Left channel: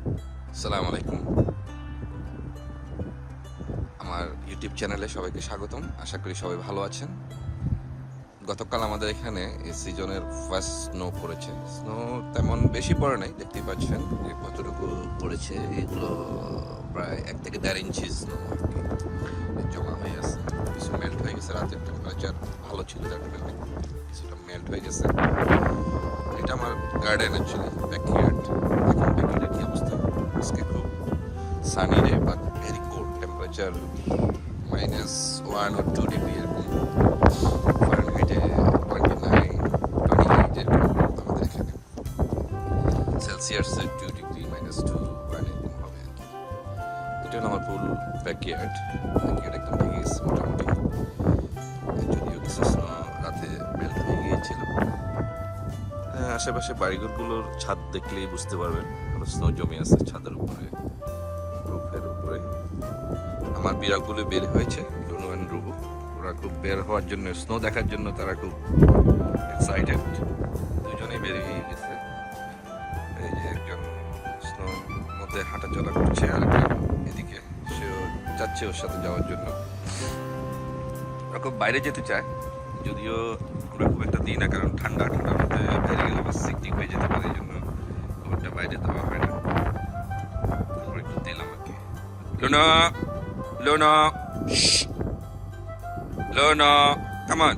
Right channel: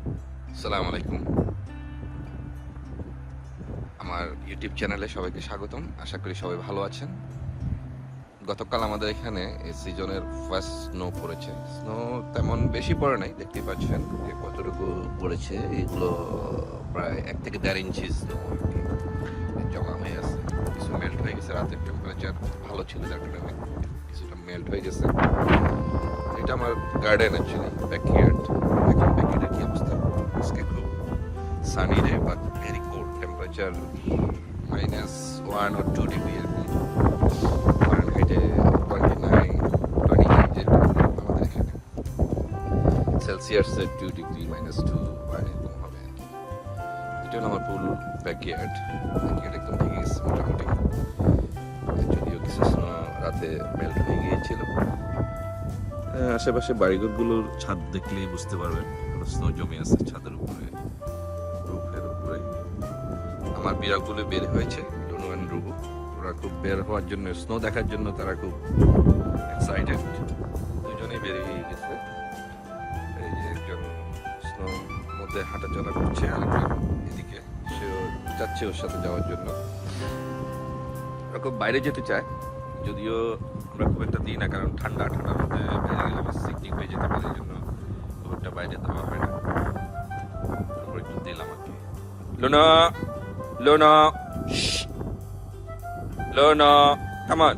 আসসালামু আলাইকুম। আমার ইউটিউব চ্যানেলে সবাইকে স্বাগতম। আশা করি সবাই ভালো আছেন। গতকাল আমাদের এখানে এই সিজনের ফার্স্ট স্নো পড়েছে। স্নো তেমন বেশি পড়ে নাই, দেখতেই পাচ্ছেন যে কতটুকু পড়েছে। এগুলো প্রায় 1 থেকে 1.5 ইঞ্চি স্নো আর কি জমা হয়ে আছে। কিছু মেল্ট হয়ে গেছে, রাতের টেম্পারেচার ভালো ছিল যার কারণে কিছুটা মেল্ট হয়ে গেছে। এটা আমার গার্ডেন অ্যাকচুয়ালি, ব্যাকইয়ার্ড। দেখেন ব্যাকইয়ার্ডের কি অবস্থা। আজকে খুব sunny day but very cold, temperature -1 or 2 degree এরকম। ফারেনহাইটে 29, 28 এরকম আমাদের এখানে। সেলসিয়াসে 2 ডিগ্রি, -2 এরকম হবে আর কি। এটা হলো আমার ফুল ব্যাকইয়ার্ড। ব্যাকইয়ার্ড একদম ভেঙে গেছে মোটামুটি, যদিও কিছু স্নো রাতে মেল্ট হয়ে গিয়েছিল। আশেপাশে বাড়িঘরগুলোর ছাদ দেখলেই বুঝতে পারবেন স্নো জমে আছে ছাদের উপরে, রুফের উপরে। আমার বিড়ালগুলো বের হয়েছে, লুনু অ্যান্ড রুবু। ওরা খুব বের হওয়ার জন্য, স্নো দেখার জন্য তারা খুব এক্সাইটেড। দুজনেই বের হয়ে গেছে। এই যে একজন স্নোর মধ্যে হাঁটাচলা করছে, আর একজন এদিকে, সেও চাচ্ছে ওর সাথে যাওয়ার জন্য। ওরা খুব বাইরে যেতে চায়, যদিও আমরা খুব একটা দিই না, কারণ ঠান্ডার মধ্যে বাইরে গেলে আবার সিকটিক হয়ে যেতে পারে, এই জন্য খুব একটা বাইরে দেওয়া হয় না। তারপর একটু দিলাম আর কি। Luna, Luna, Luna, come on.